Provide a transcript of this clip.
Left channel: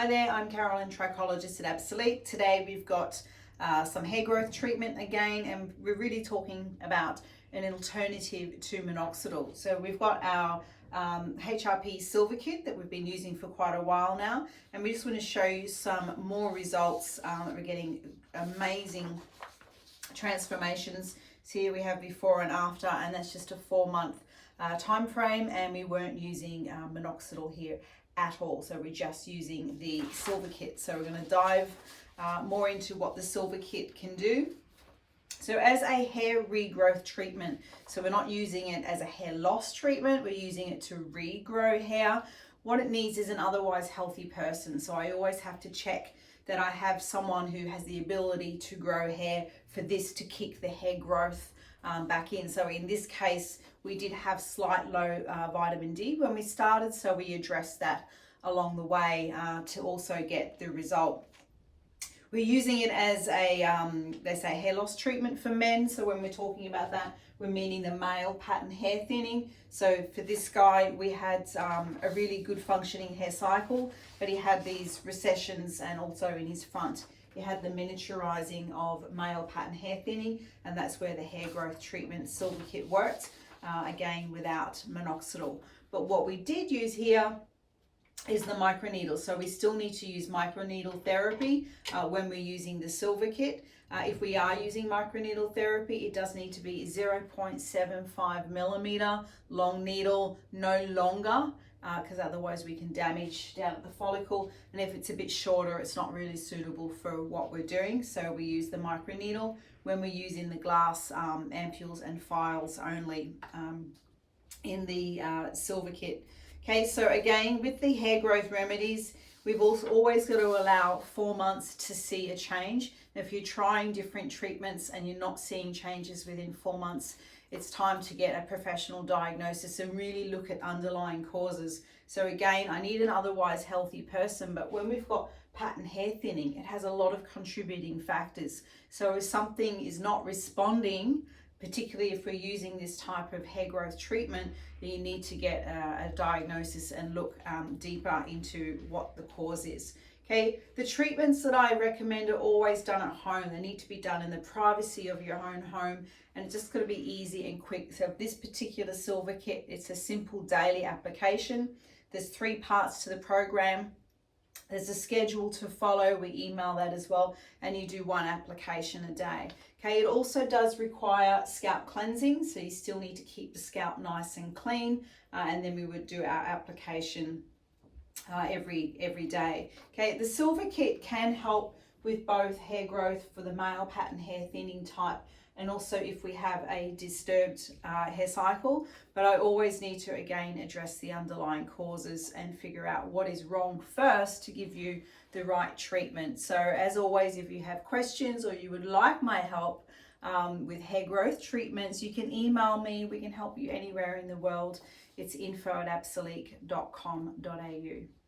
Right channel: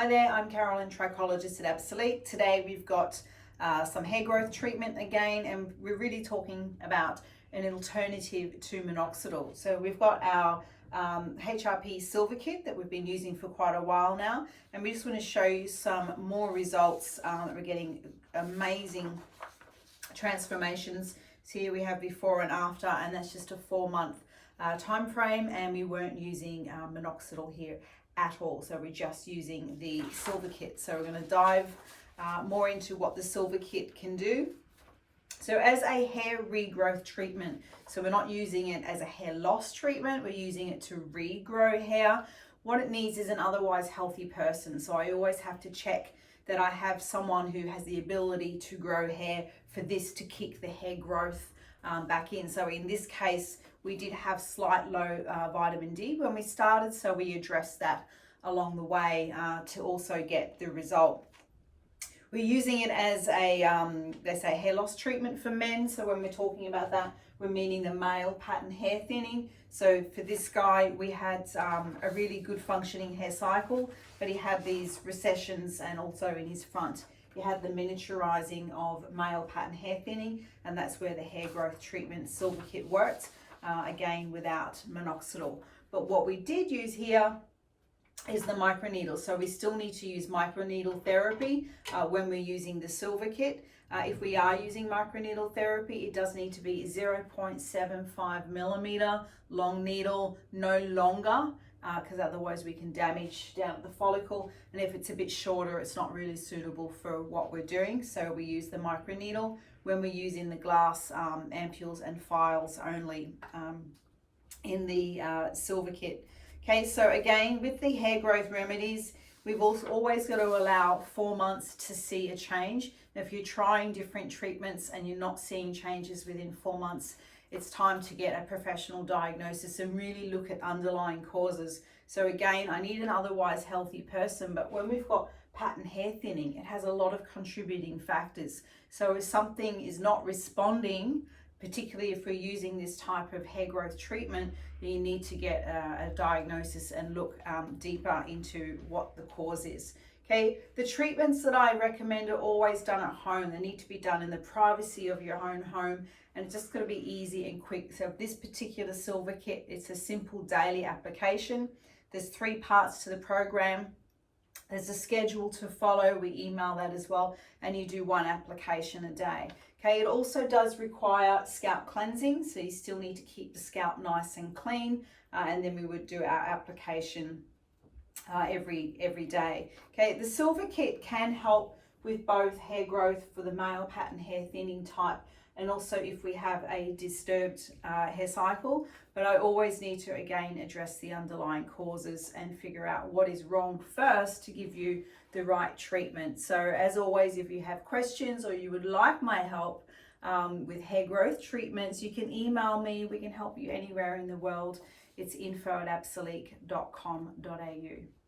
Hi there, I'm Carolyn, Trichologist at Absolique. Today we've got some hair growth treatment again, and we're really talking about an alternative to minoxidil. So we've got our HRP Silver Kit that we've been using for quite a while now, and we just want to show you some more results that we're getting amazing transformations. So here we have before and after, and that's just a 4-month time frame, and we weren't using minoxidil here at all, so we're just using the Silver Kit. So we're going to dive more into what the Silver Kit can do. So as a hair regrowth treatment, so we're not using it as a hair loss treatment, we're using it to regrow hair. What it needs is an otherwise healthy person, so I always have to check that I have someone who has the ability to grow hair for this to kick the hair growth back in. So in this case, we did have slight low vitamin D when we started, so we addressed that along the way to also get the result. We're using it as a, they say, hair loss treatment for men. So when we're talking about that, we're meaning the male pattern hair thinning. So for this guy, we had a really good functioning hair cycle, but he had these recessions, and also in his front, he had the miniaturizing of male pattern hair thinning, and that's where the hair growth treatment Silver Kit worked, again without minoxidil. But what we did use here is the microneedle. So we still need to use microneedle therapy when we're using the Silver Kit. If we are using microneedle therapy, it does need to be 0.75 millimeter long needle, no longer, because otherwise we can damage down at the follicle. And if it's a bit shorter, it's not really suitable for what we're doing. So we use the microneedle when we're using the glass ampules and files only in the Silver Kit. Okay, so again, with the hair growth remedies, we've also always got to allow 4 months to see a change. If you're trying different treatments and you're not seeing changes within 4 months, it's time to get a professional diagnosis and really look at underlying causes. So again, I need an otherwise healthy person, but when we've got pattern hair thinning, it has a lot of contributing factors. So if something is not responding, particularly if we're using this type of hair growth treatment, you need to get a diagnosis and look deeper into what the cause is. Okay, the treatments that I recommend are always done at home. They need to be done in the privacy of your own home, and it's just going to be easy and quick. So this particular Silver Kit, it's a simple daily application. There's 3 parts to the program. There's a schedule to follow, we email that as well, and you do 1 application a day. Okay, it also does require scalp cleansing, so you still need to keep the scalp nice and clean, and then we would do our application every day. Okay, the Silver Kit can help with both hair growth for the male pattern hair thinning type, and also if we have a disturbed hair cycle. But I always need to again address the underlying causes and figure out what is wrong first to give you the right treatment. So as always, if you have questions or you would like my help with hair growth treatments, you can email me. We can help you anywhere in the world. It's info@absolique.com.au.